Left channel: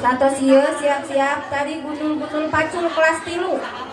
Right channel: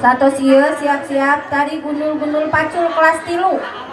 Satu sieu siap-siap tadi gundul-gundul pacul kelas 3.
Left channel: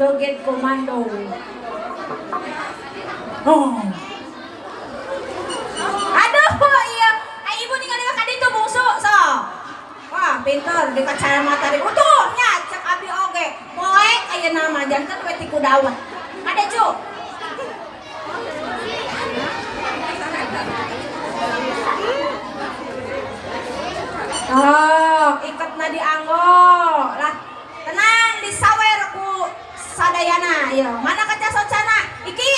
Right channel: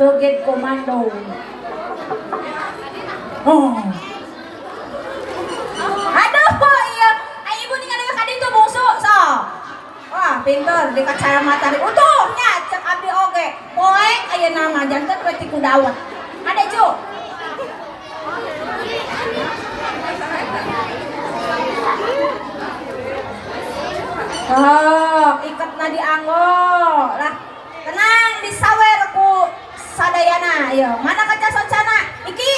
joget komando. Oh. Aduh, iya. Ibu ningali ka dito bungsu pinter di kacamata di utuhnya cek abdi oge. Poek aya nama janten we ti kudaun. Ade cu. Oh, iketna dianggo lah. Tenang disawer ku sadayana ieu. Mana kaca socana? Iki.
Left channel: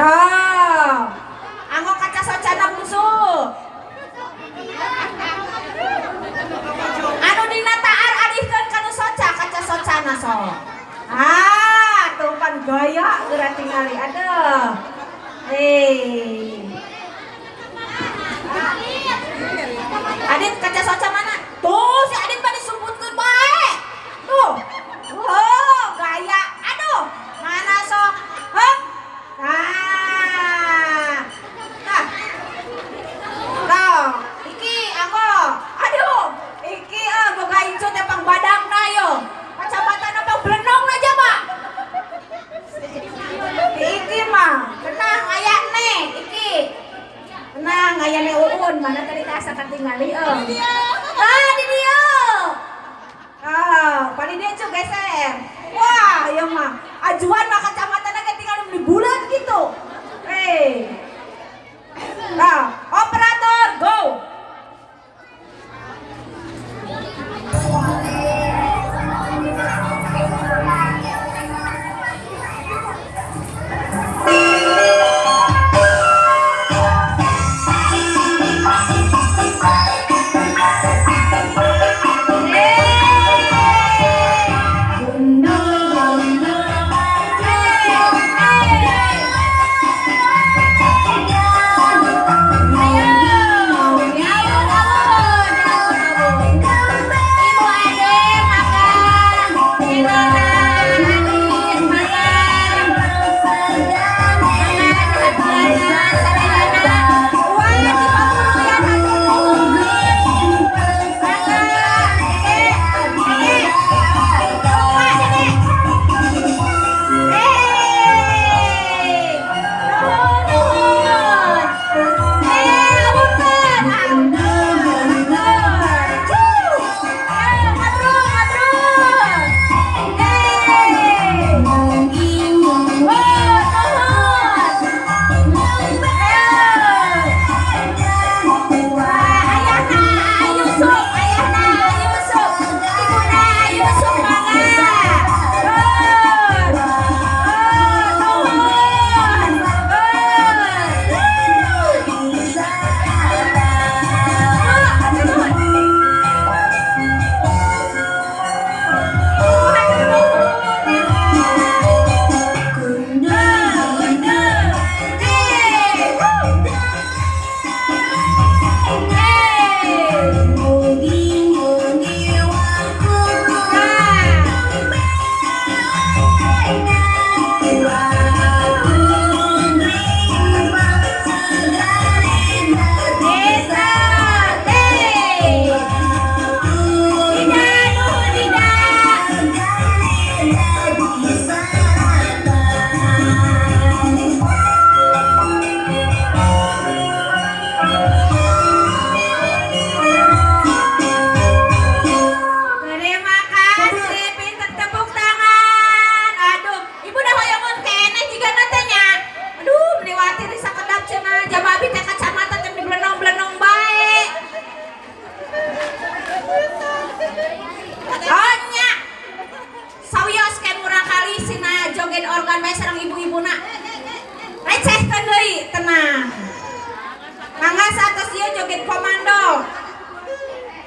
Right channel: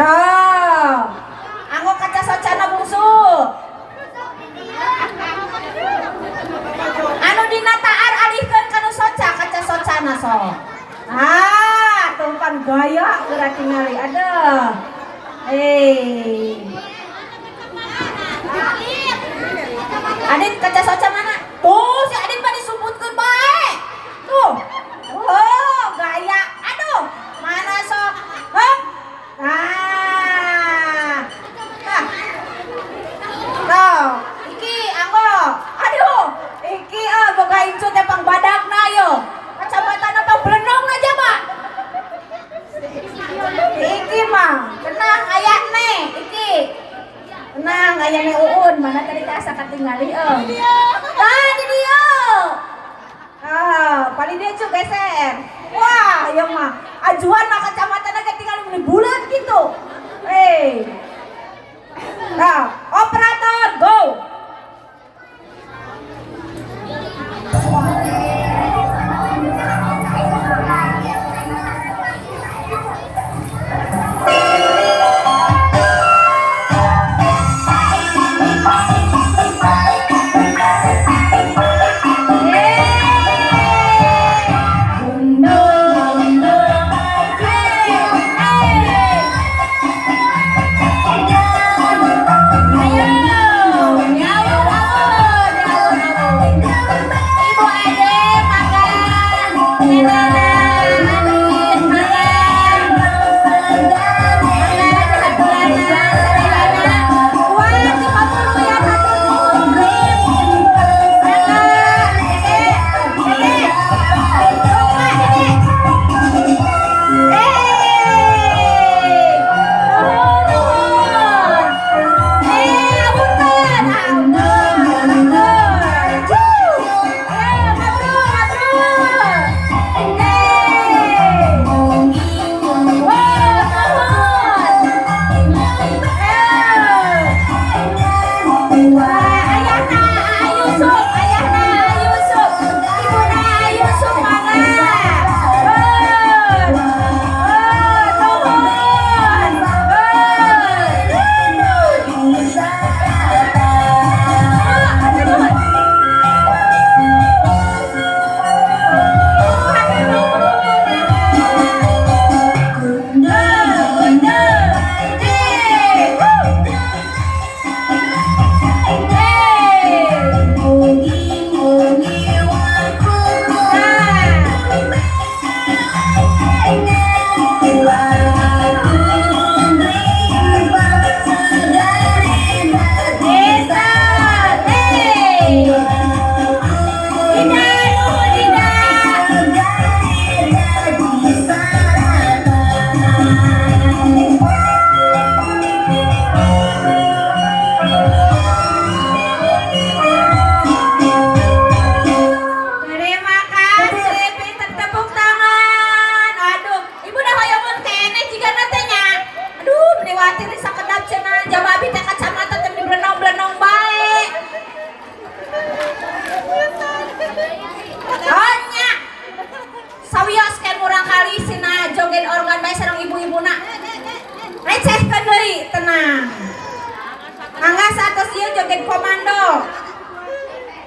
Oh. Anggo kaca socana bungsu. Anu dina taar alihkeun kana soca kaca socana so. Ah, tumpan gaya geura tingali. Aduh. Adit kaca soca mana? Tuh si Adit mah disebutkeun bae. Tuh. Oh, gaya. Aduh, mana sok? Hah? Nah. Iki anggo. Aduh, iki boga incu teh pang badagna yo. Kacabatana pang belenongna jaba. Iki mah, tenang aya nih, iki. Tenang aya nih uun, mana tadi asa katingali Ah, di dieu. Paling dia cu geser. Wah, ieu mah ajuan na kacamatana ge tinggal di bulan gitu. Nah, operator go.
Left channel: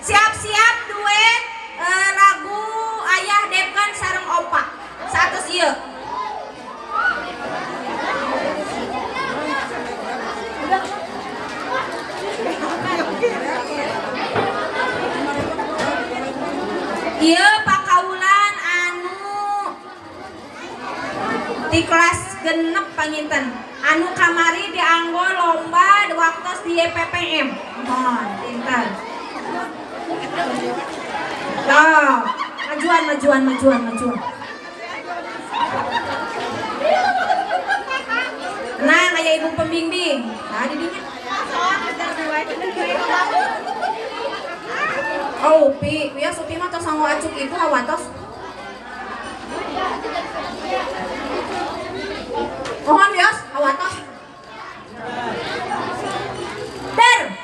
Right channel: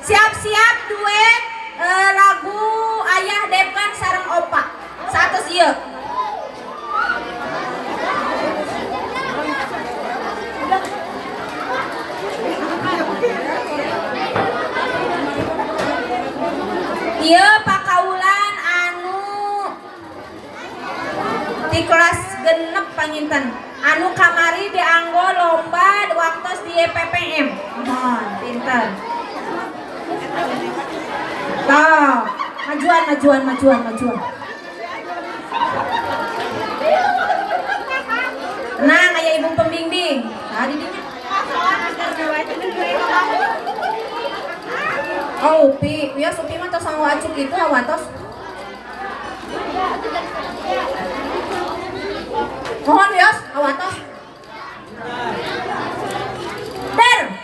Siap-siap duet lagu Ayah Depan sareng Opa. 100 ieu. Ieu pakaulan anu di kelas genep panginten. Anu kamari dianggo lomba waktos di PPM. Mohon, pinter. Oh, majuan. Nah, kayak ibu pembimbing. Nah, didinya. Upi, ya Upi mah tos sanggo acuk itu awatos. Mohon ya, awatos. Der.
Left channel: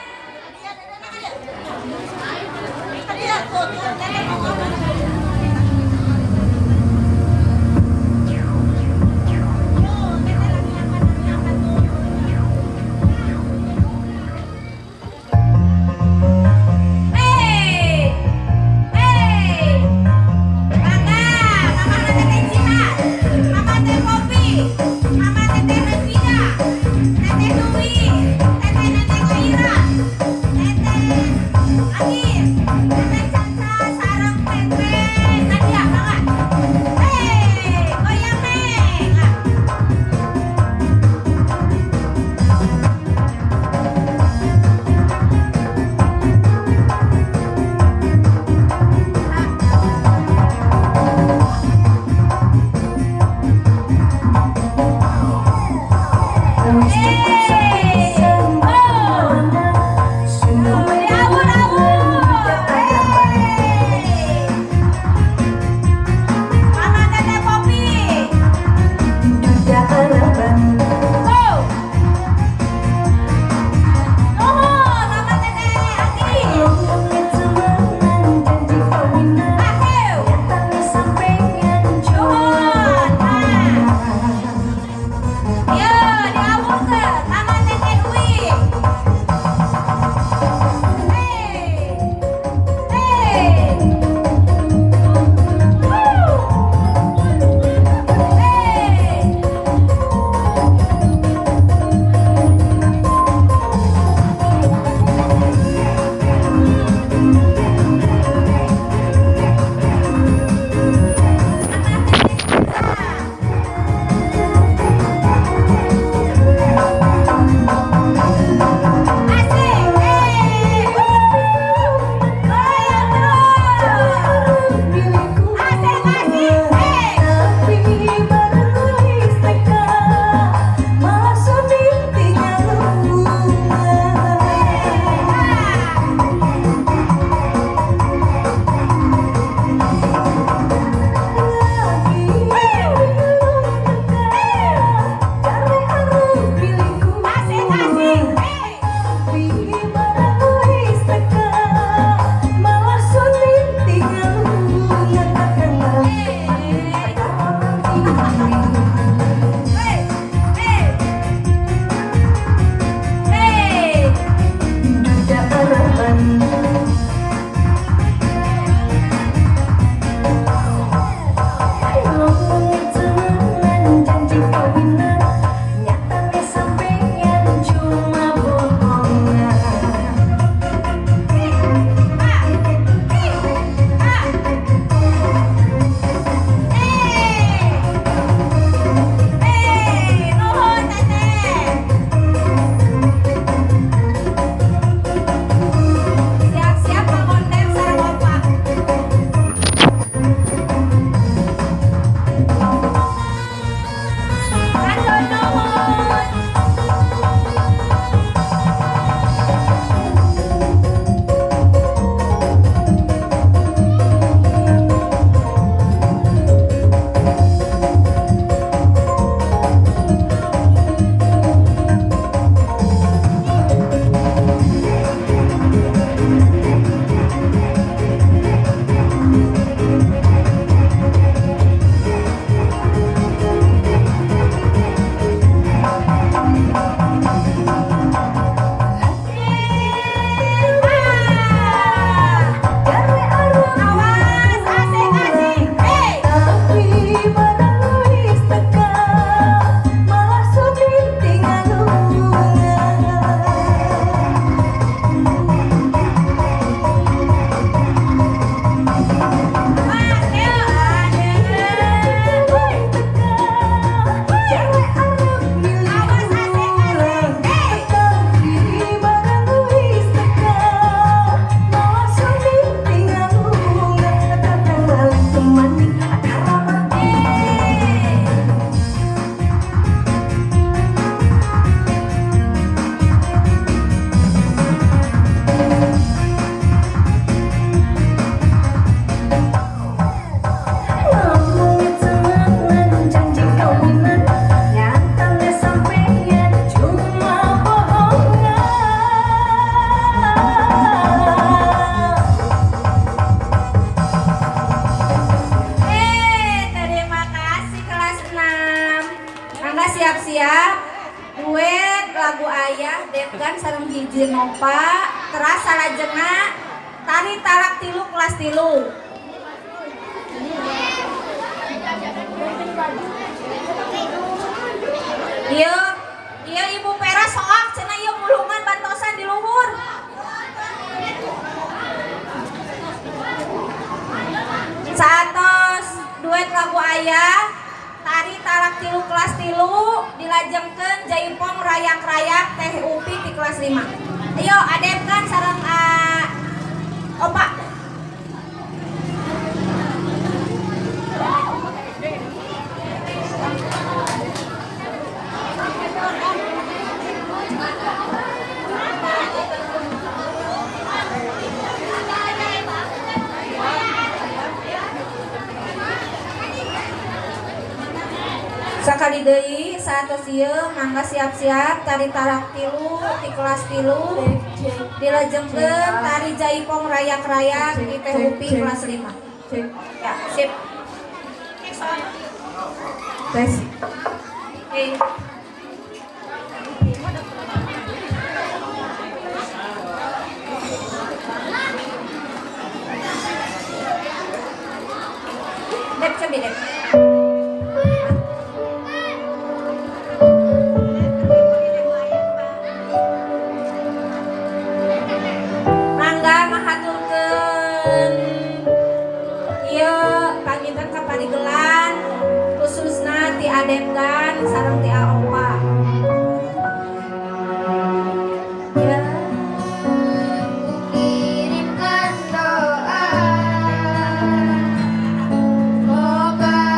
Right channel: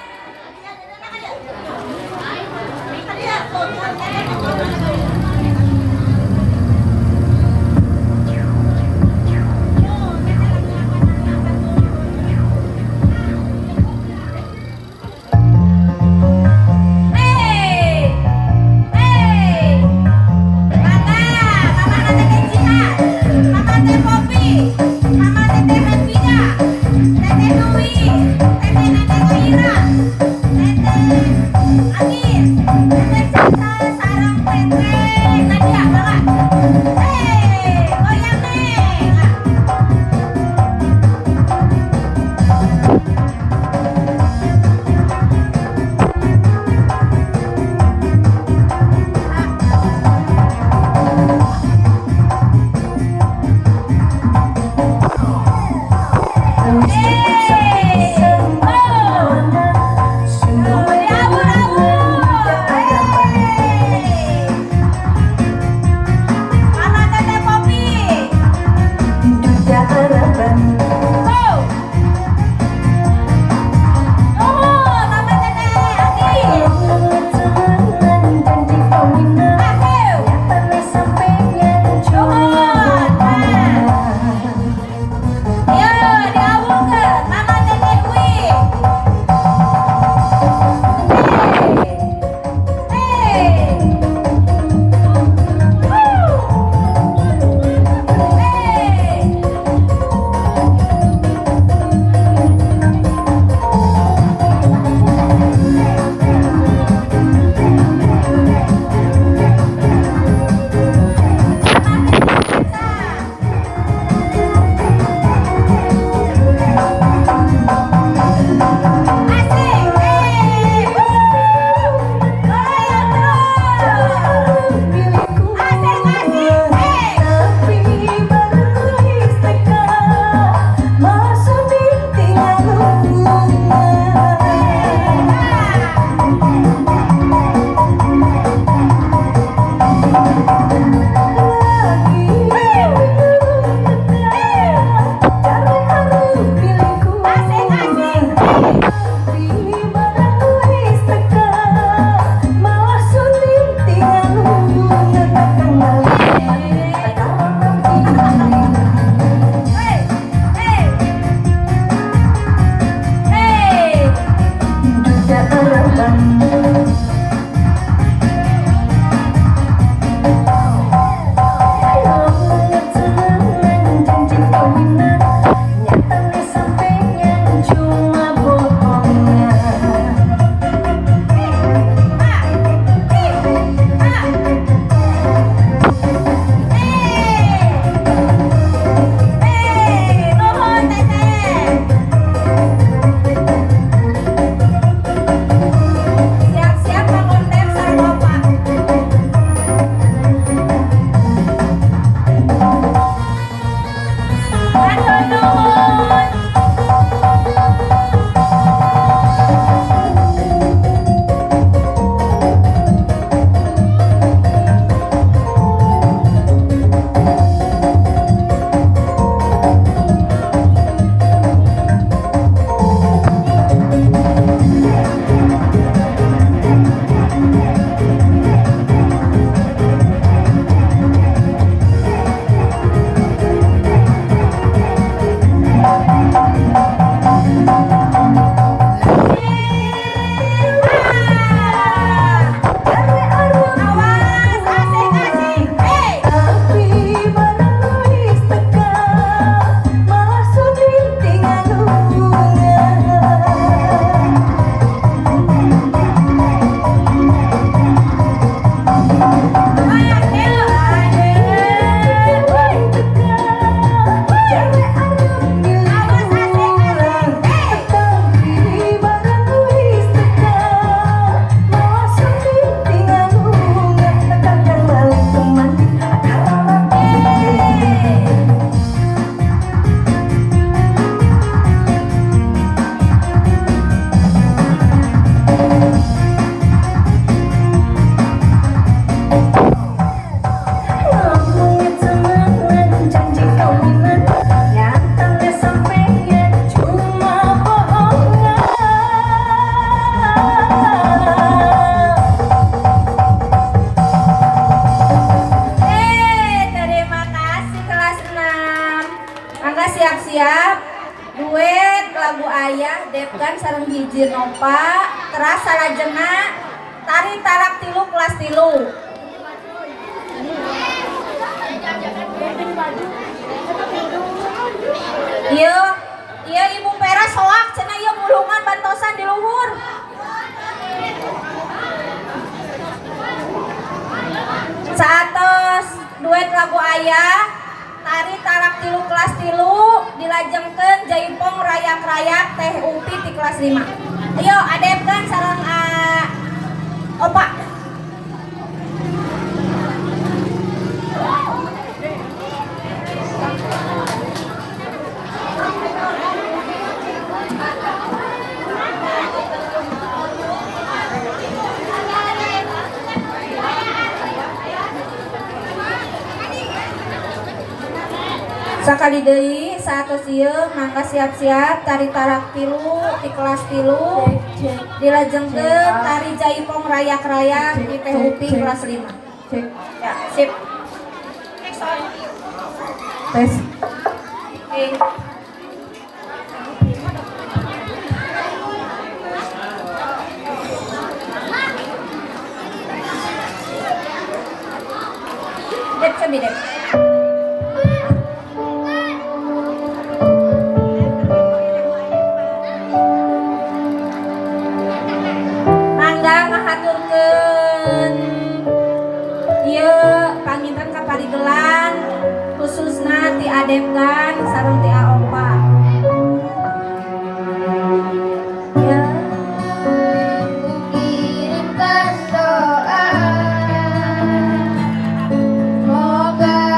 Mama lagu ayah Depgan sareng hiji Nova terasa lajengna tari tarak tilu kelas tilu. Iya Ibu Pera soak cenah ieu mulungan bantosan di luhur. Saatos duet lagu ayah tari tarak tilu kelas tilu dilajengkeun Jaipong rayak-rayak Teh Upi di kelas 5. Ayo adepkan sareng Opa. Sakali deui satos ieu mangga siap-siap tari tarak tilu di kelas tilu dilajengkeun tari Jaipong rayak-rayak di Teh Upi kelas 5. Ya, sip. Tes. Oke. Dep sabi dep. Depgan sareng ti Opa. Ya. Kirimkan doa semoga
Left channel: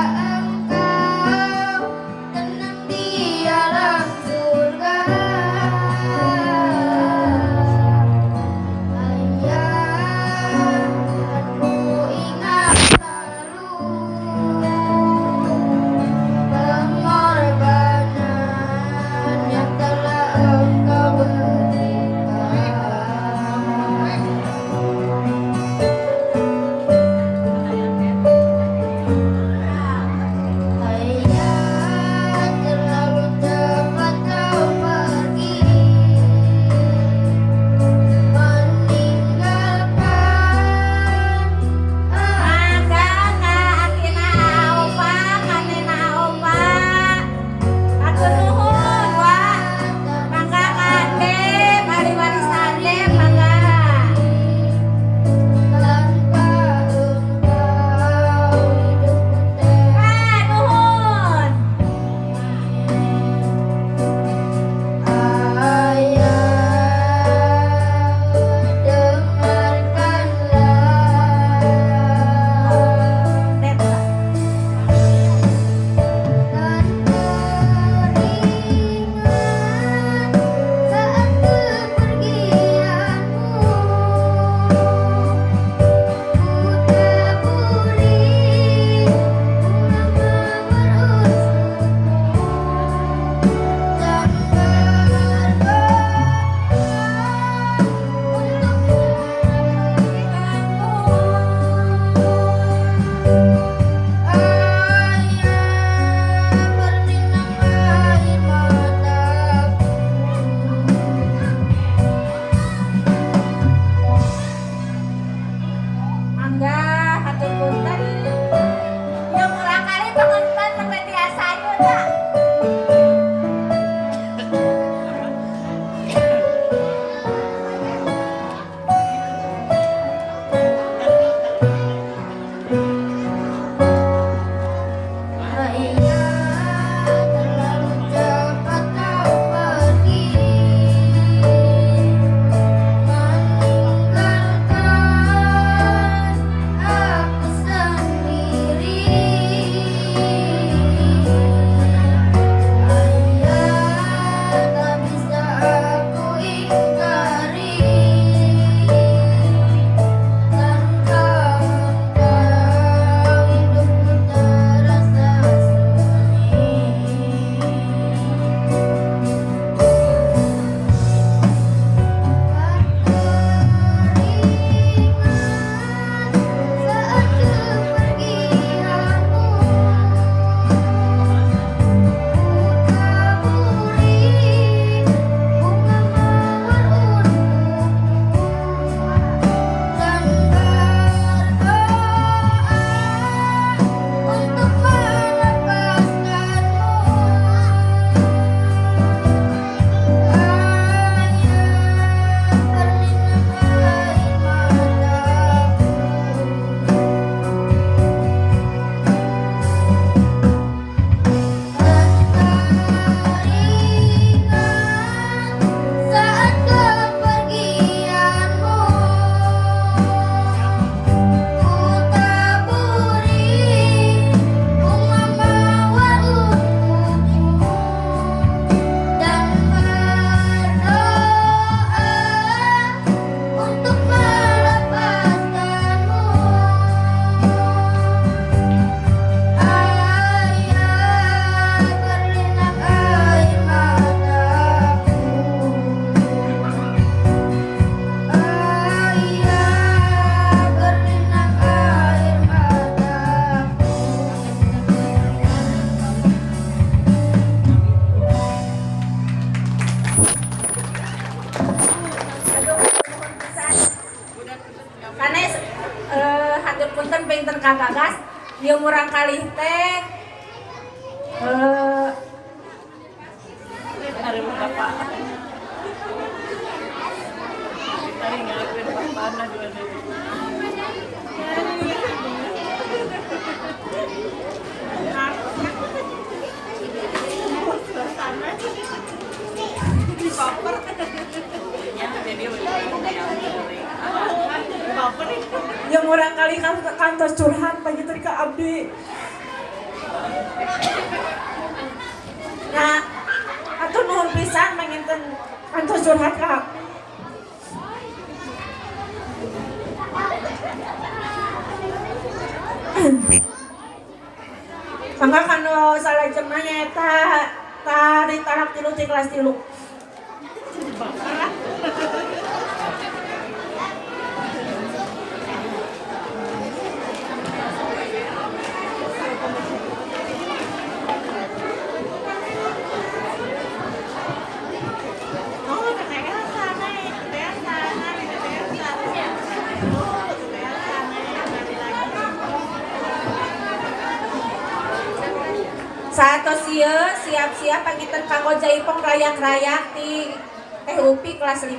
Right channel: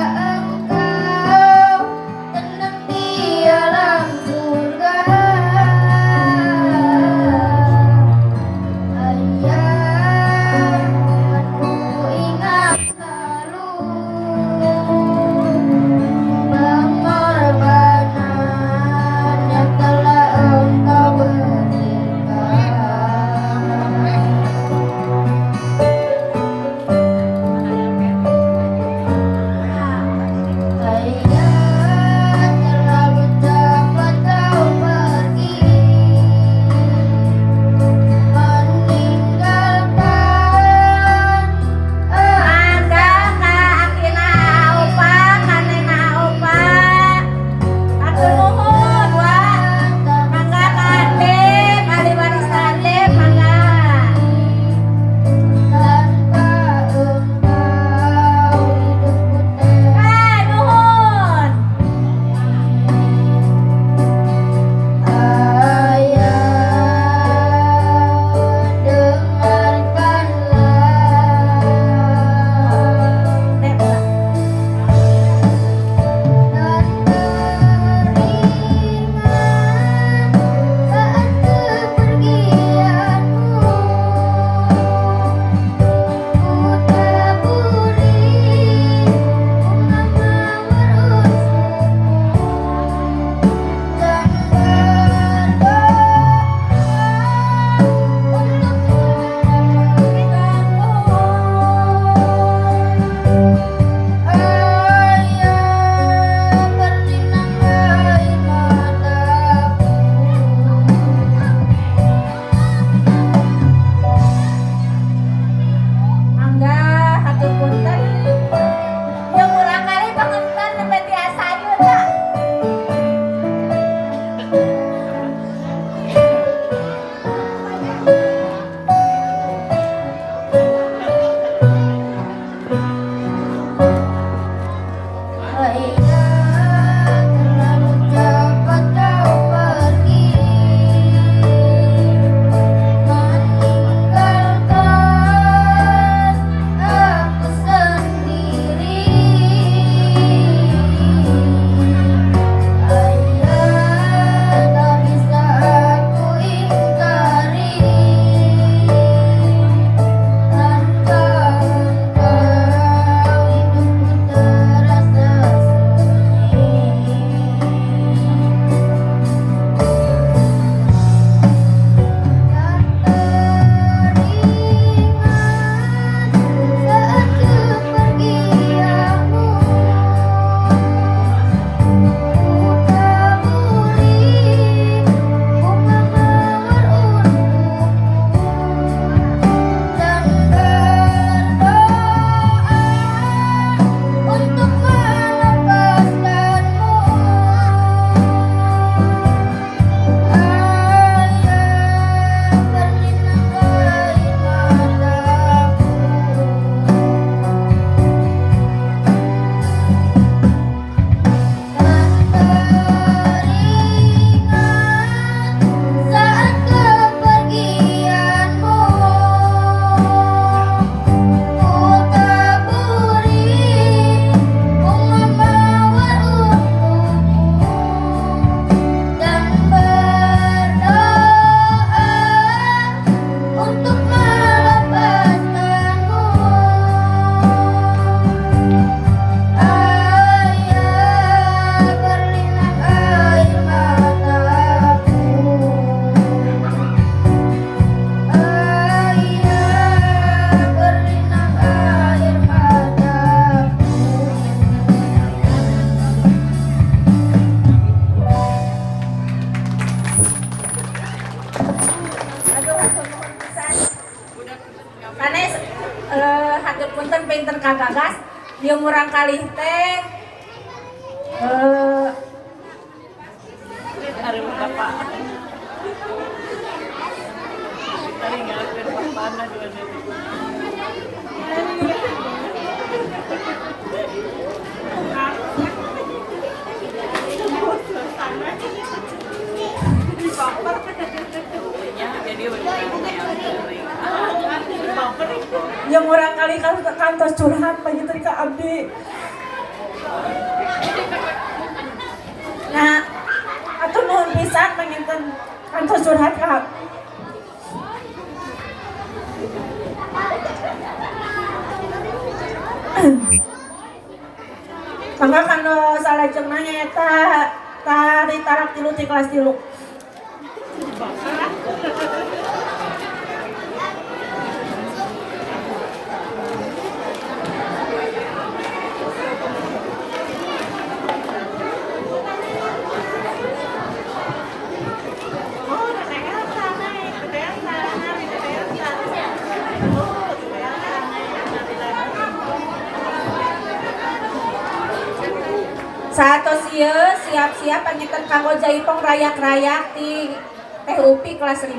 hatur punten pinten Kang Gagas ieu murang kalih teh hari bapak tadi ngelakuin papana dua detik jadi yang orang kali kan ke kantor curhat pagi tadi ke abdi. Nah, atuh nuhun pisan pengen kantor curhat kak. Mangga kanu salajeng mah nyaeta tari tarak tilu ti kelas 3. Satos ieu siap-siap panginten kanggo jaipong rayak-rayak di Teh Upi kelas 5.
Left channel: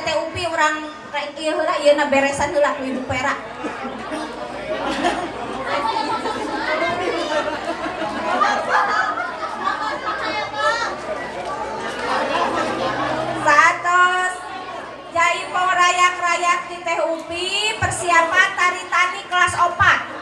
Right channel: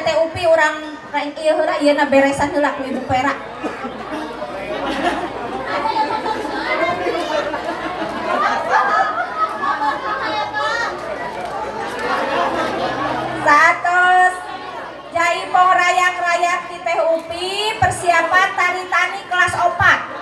Teteh Upi urang rek ieu heula ieu beresan heula ku Ibu Pera. Satos Jaipong rayak-rayak di Teh Upi persiapan tari tani kelas 4.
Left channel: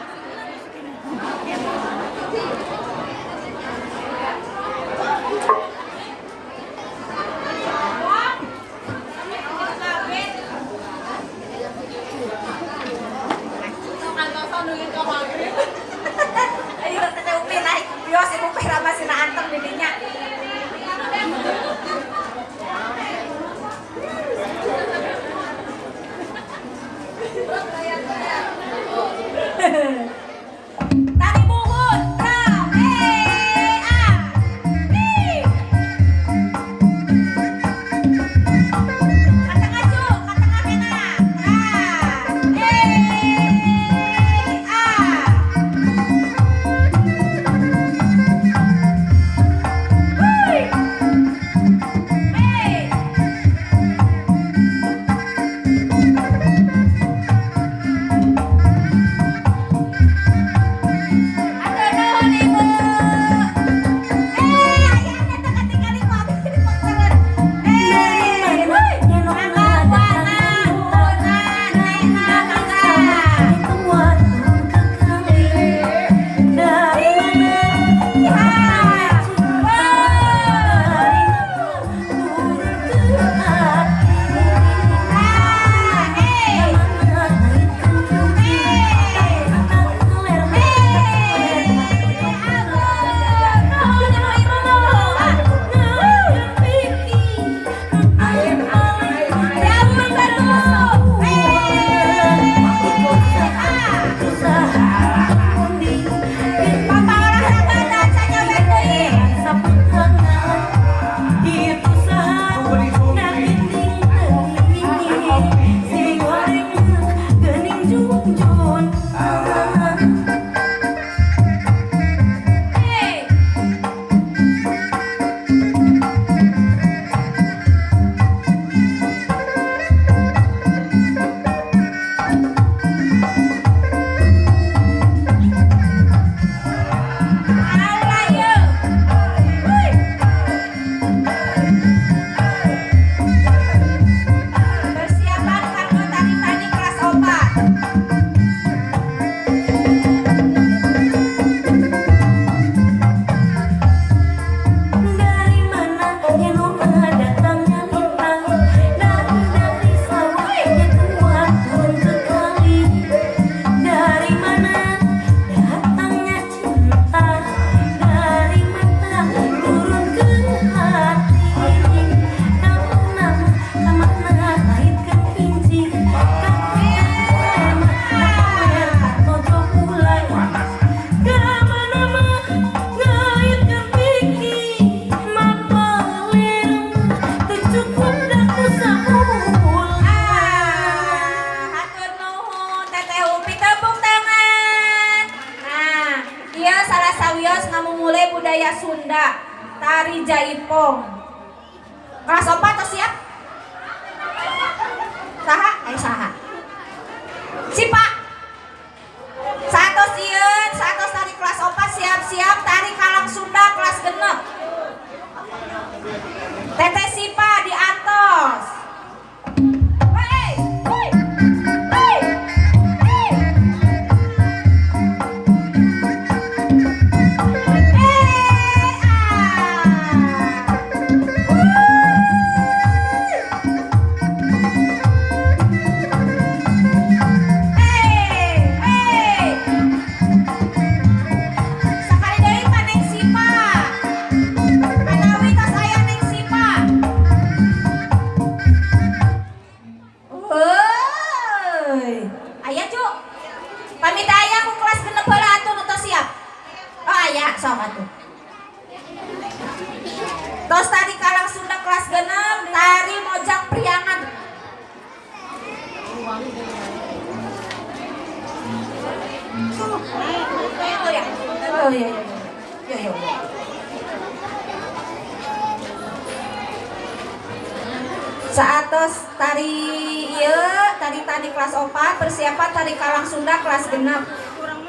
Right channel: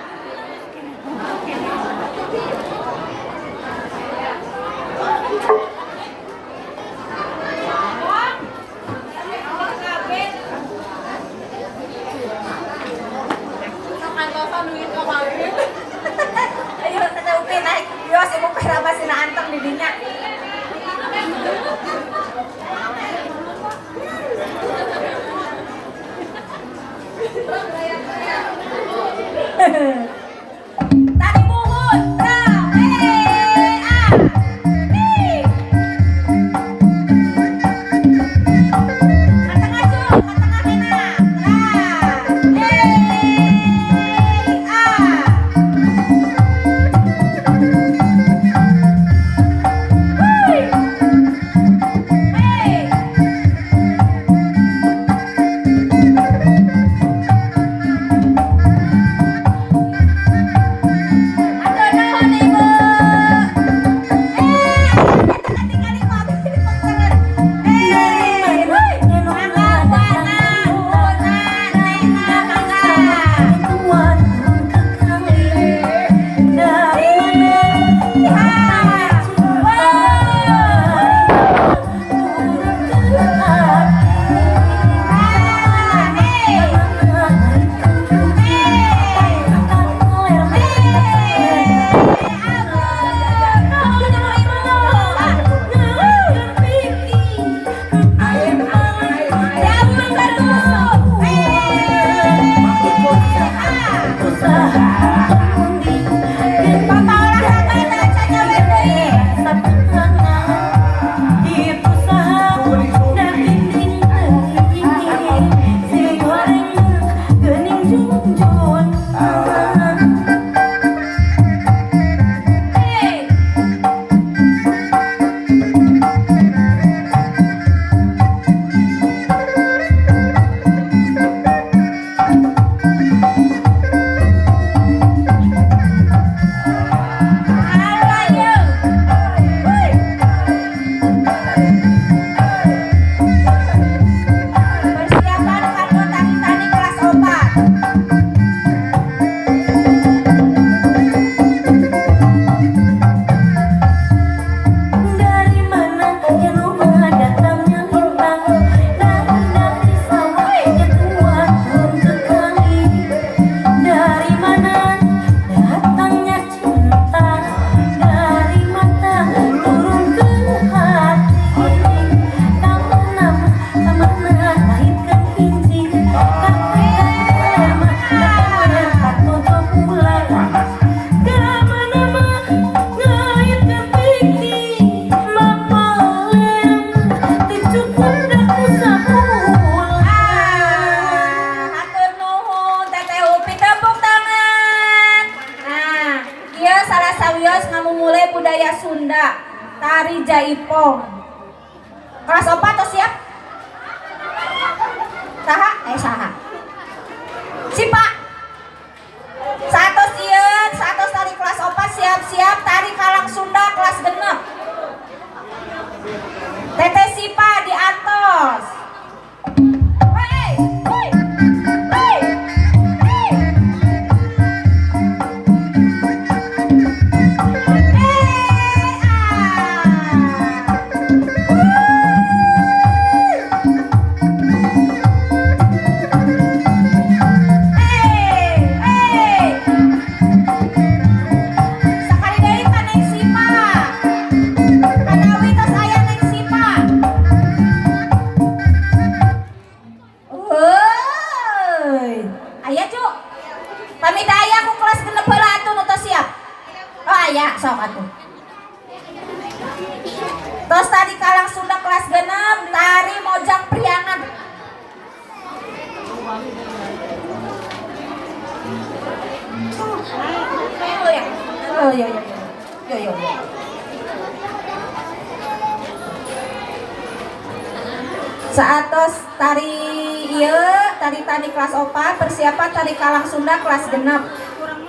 tari tari kelas 4 persiapan tari Kalang Sunda kelas genep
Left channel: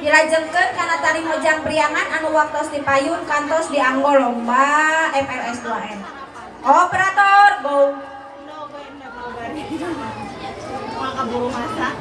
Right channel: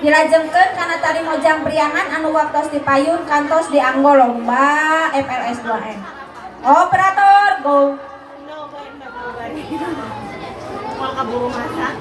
dilajengkeun kana tari Mojang Priangan anu waktos dipayun kantos dianggo lomba FLS 2N. Operator go. Mau kaburu masak.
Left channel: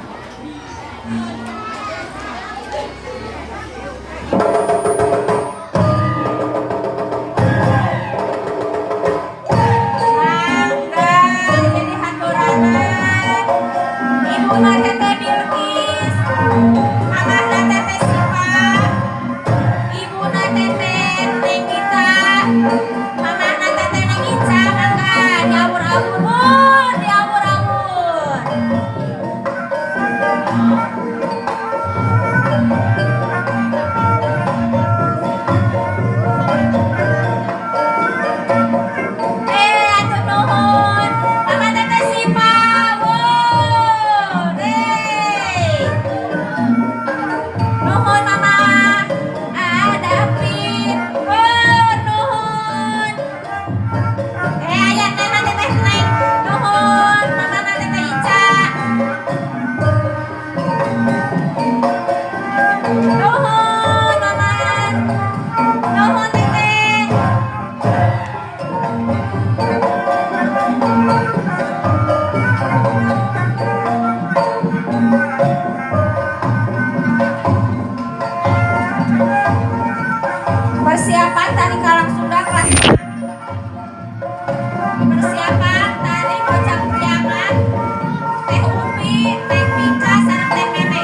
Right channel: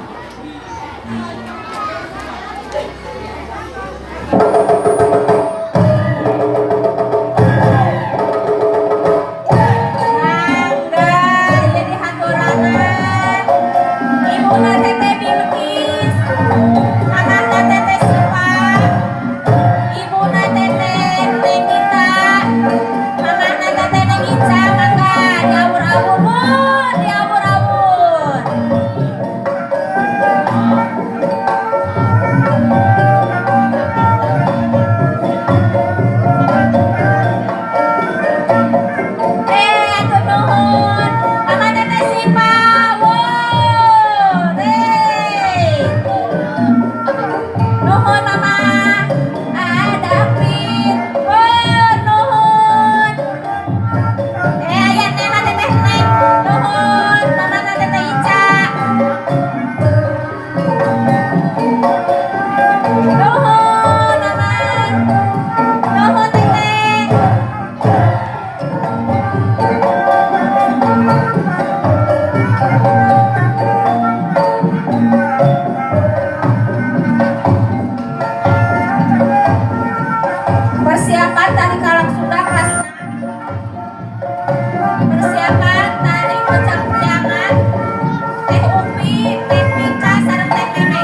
Persiapan tari Kalang Sunda kelas persiapan tari Mojang Priangan Teh Upi, Teh Mika, sareng Teh Meme.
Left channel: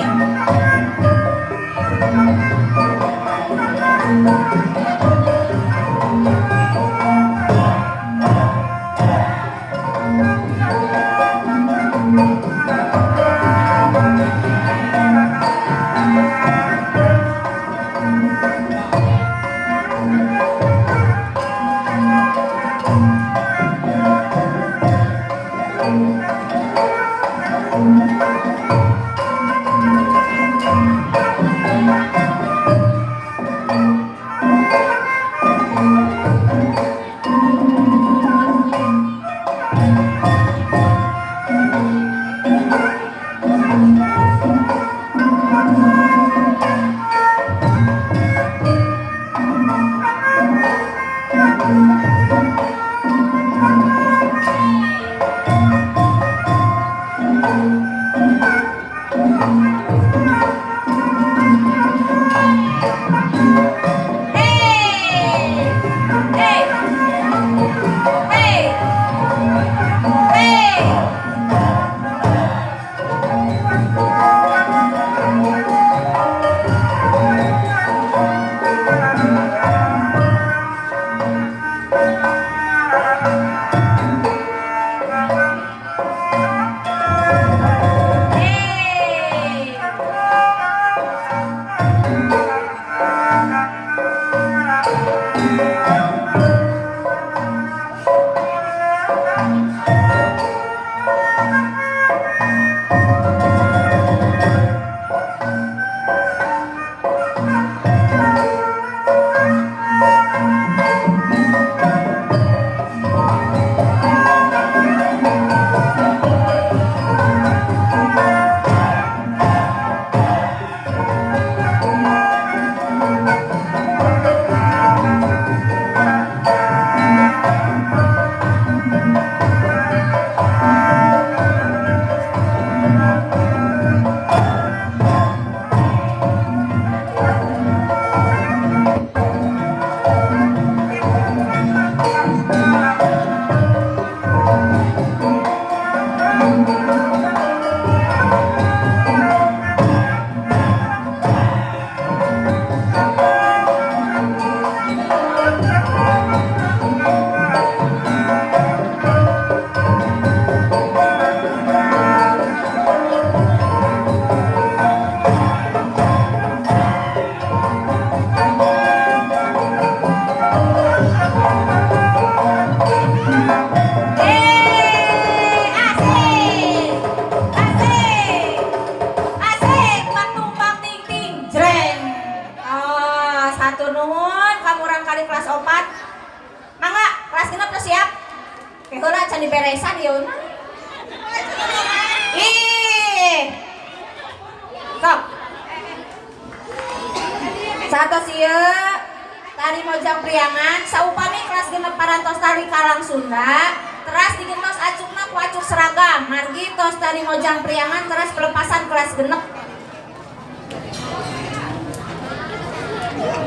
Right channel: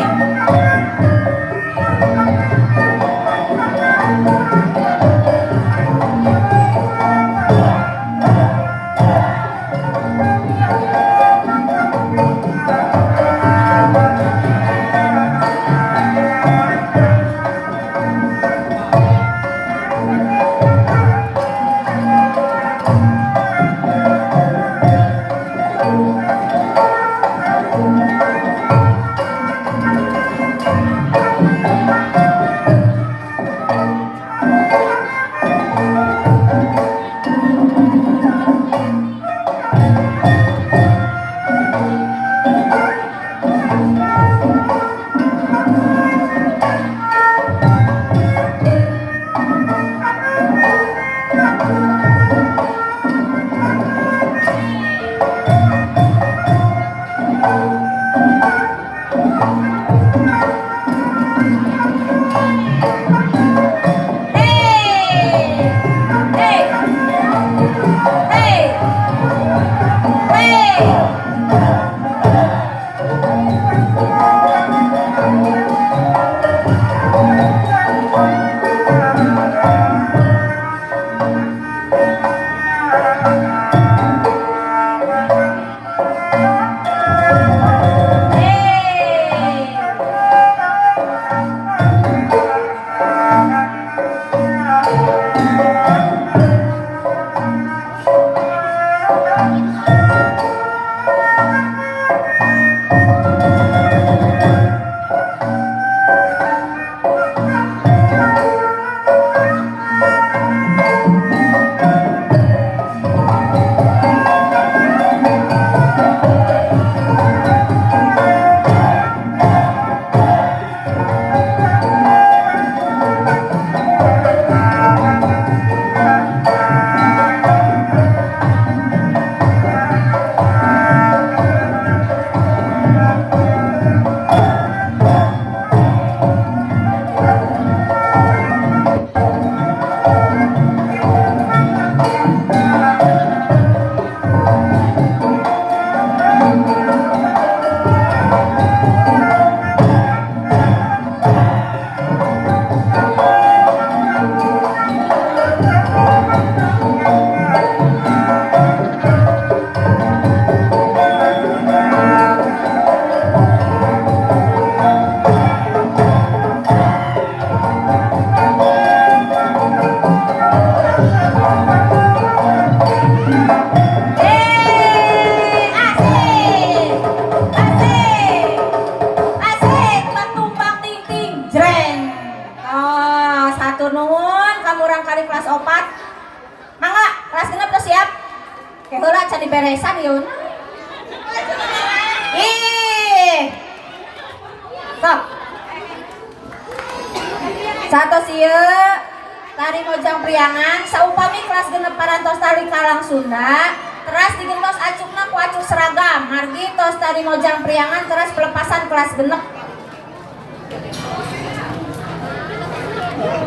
Sunda teras digentos acukna ku acuk seragam margi tos tadi ngojang priangan teras pelepasan kelas genep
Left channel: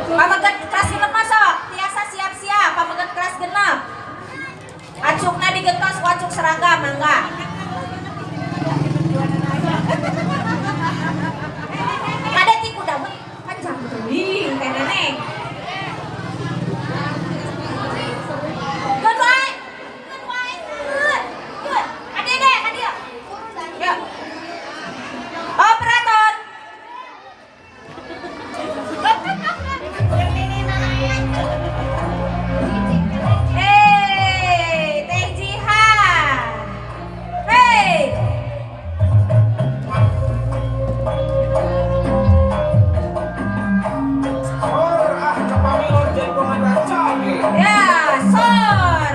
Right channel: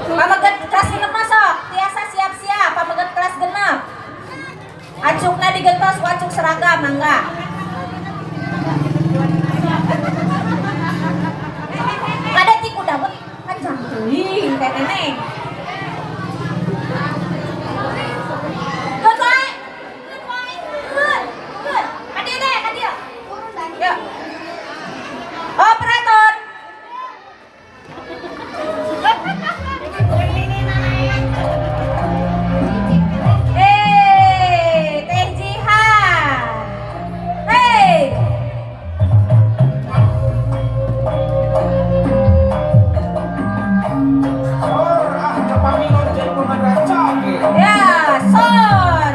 pameget kelas genep masuk tiasa siap-siap pameget kelas genep acukna digentos ku acuk seragam mangga ada tiku dapet kencang teuing teh neneng operator Teh Jihan ya sor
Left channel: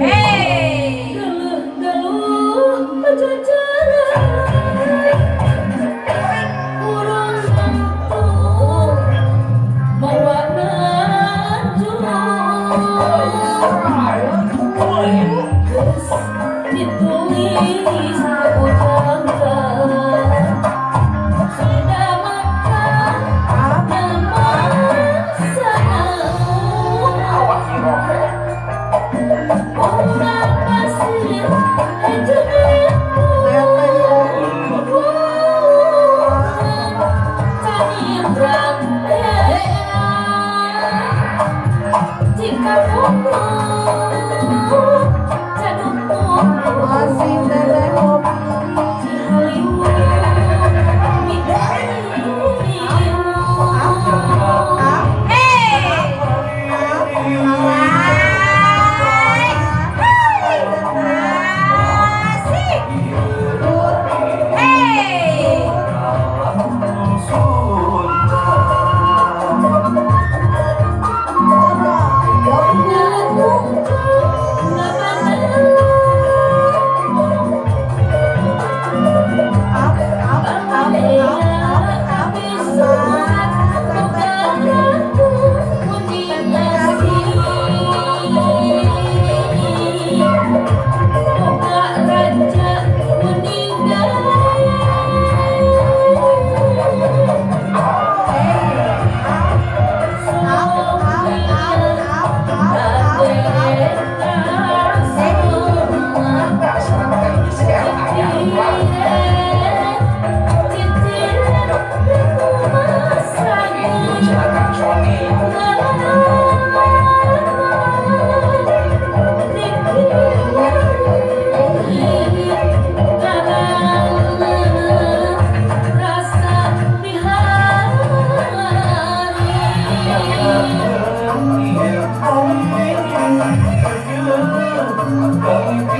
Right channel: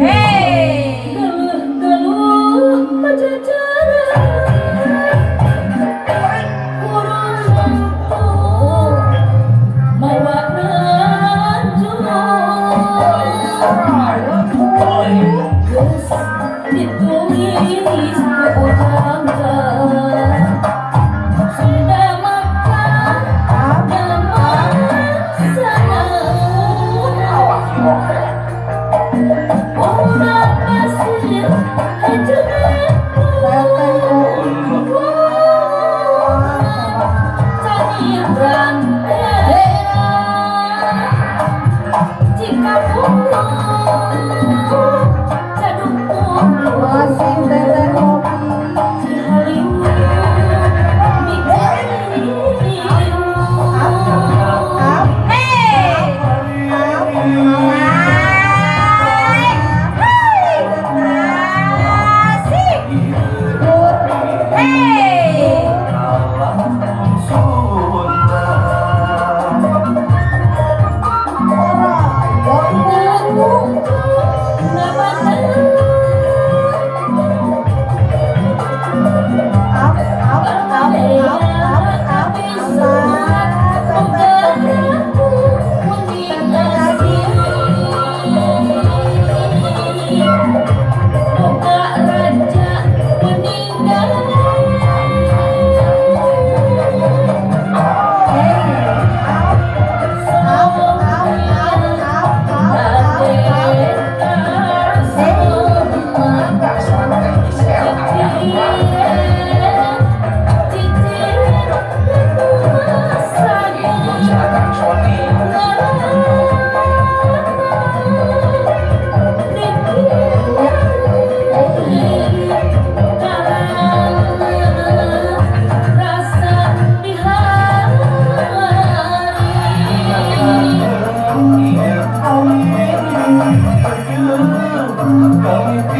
Hey!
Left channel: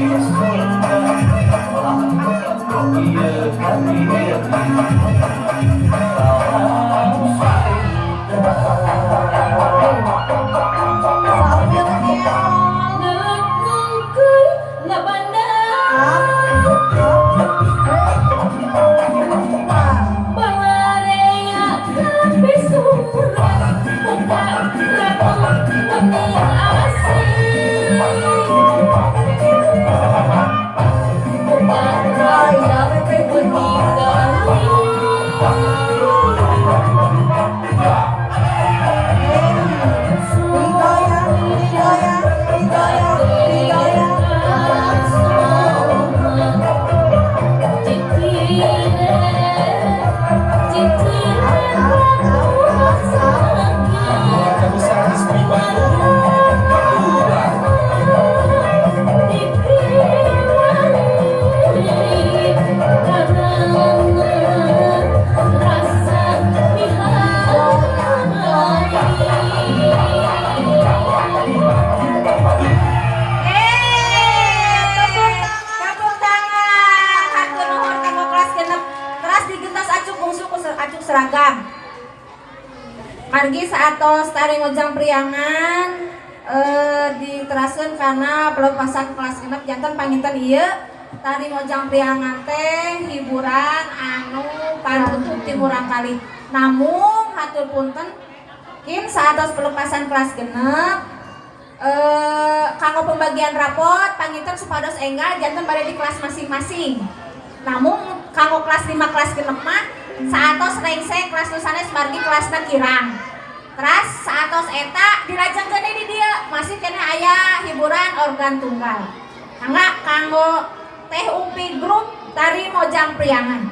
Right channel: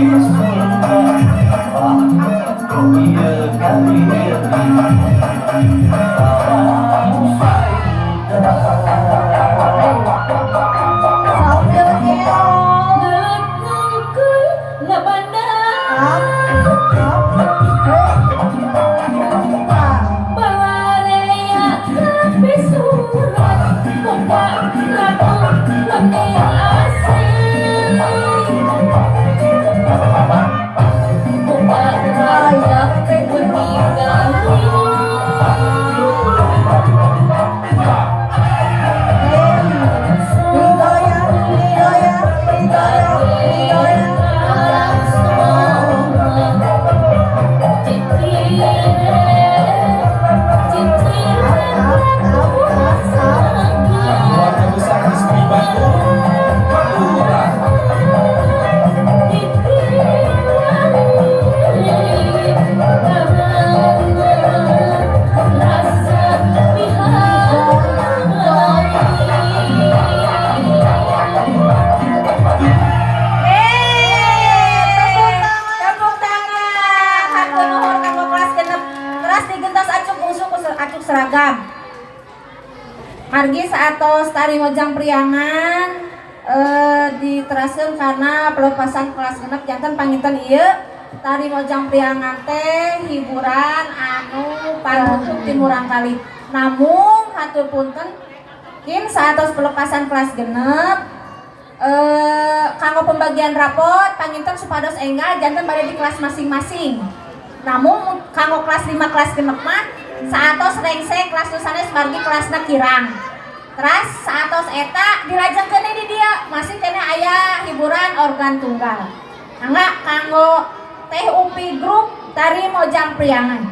Tepuk tangan. Hatur nuhun kanggo kelas genep. Keras digentas acuk bungsu acuk seragam. Margi saatos tari mojang priangan diteraseun karena pelepasan kelas genep janten panginten ieu tari mojang priangan teh hiburan anu panutup timurang kali. Namun hatur punten kin saatos pelepasan kelas genep kanggo pembagian rapot panginten supados enggal janten bade di kelas masing-masing. Namun kanggo kelas 5 kelas genep mah saatos rengse kelas nu sanes margi kelasna kirang. Teras saatos eta dilajengkeun di dia masih kena aya hiburan organ tunggal. Mangga kanggo Teh Upi grup tari mojang priangan.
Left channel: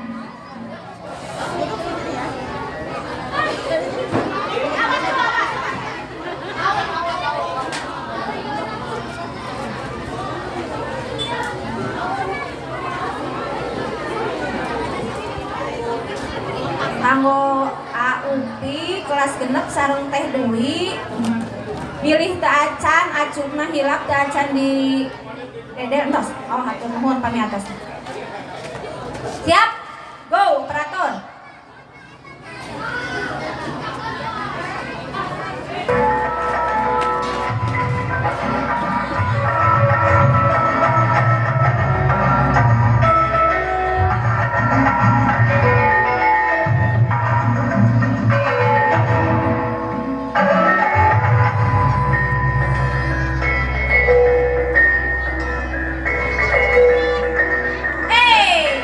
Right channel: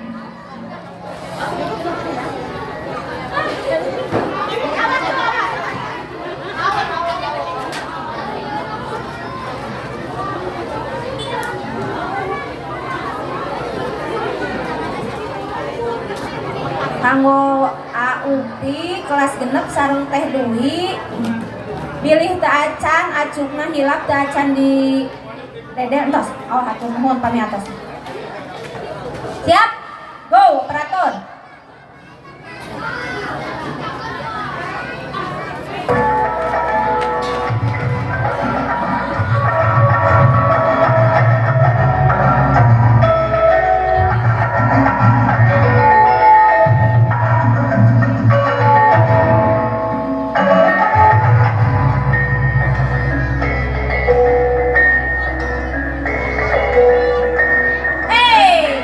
Kanggo Upi kelas genep sareng Teh Dewi pilih teu acan acungna hilap teu acan di dede entos. Oh hatur nuhun pamiatos. Siap? Go operator. Hey,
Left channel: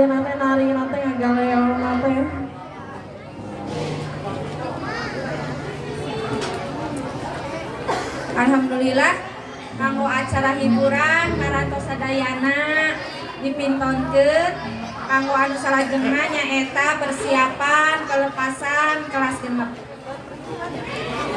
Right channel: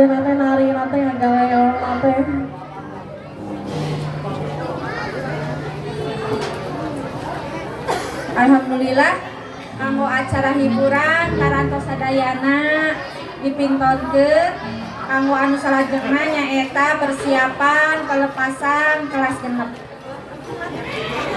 ayeuna teh narina teh ngagaleon teh. Alhamdulillah kanggo acara hiburan karantos sadayana dipintonkeun kanggo anu salajengna nyaeta persiapan kelepasan kelas genep.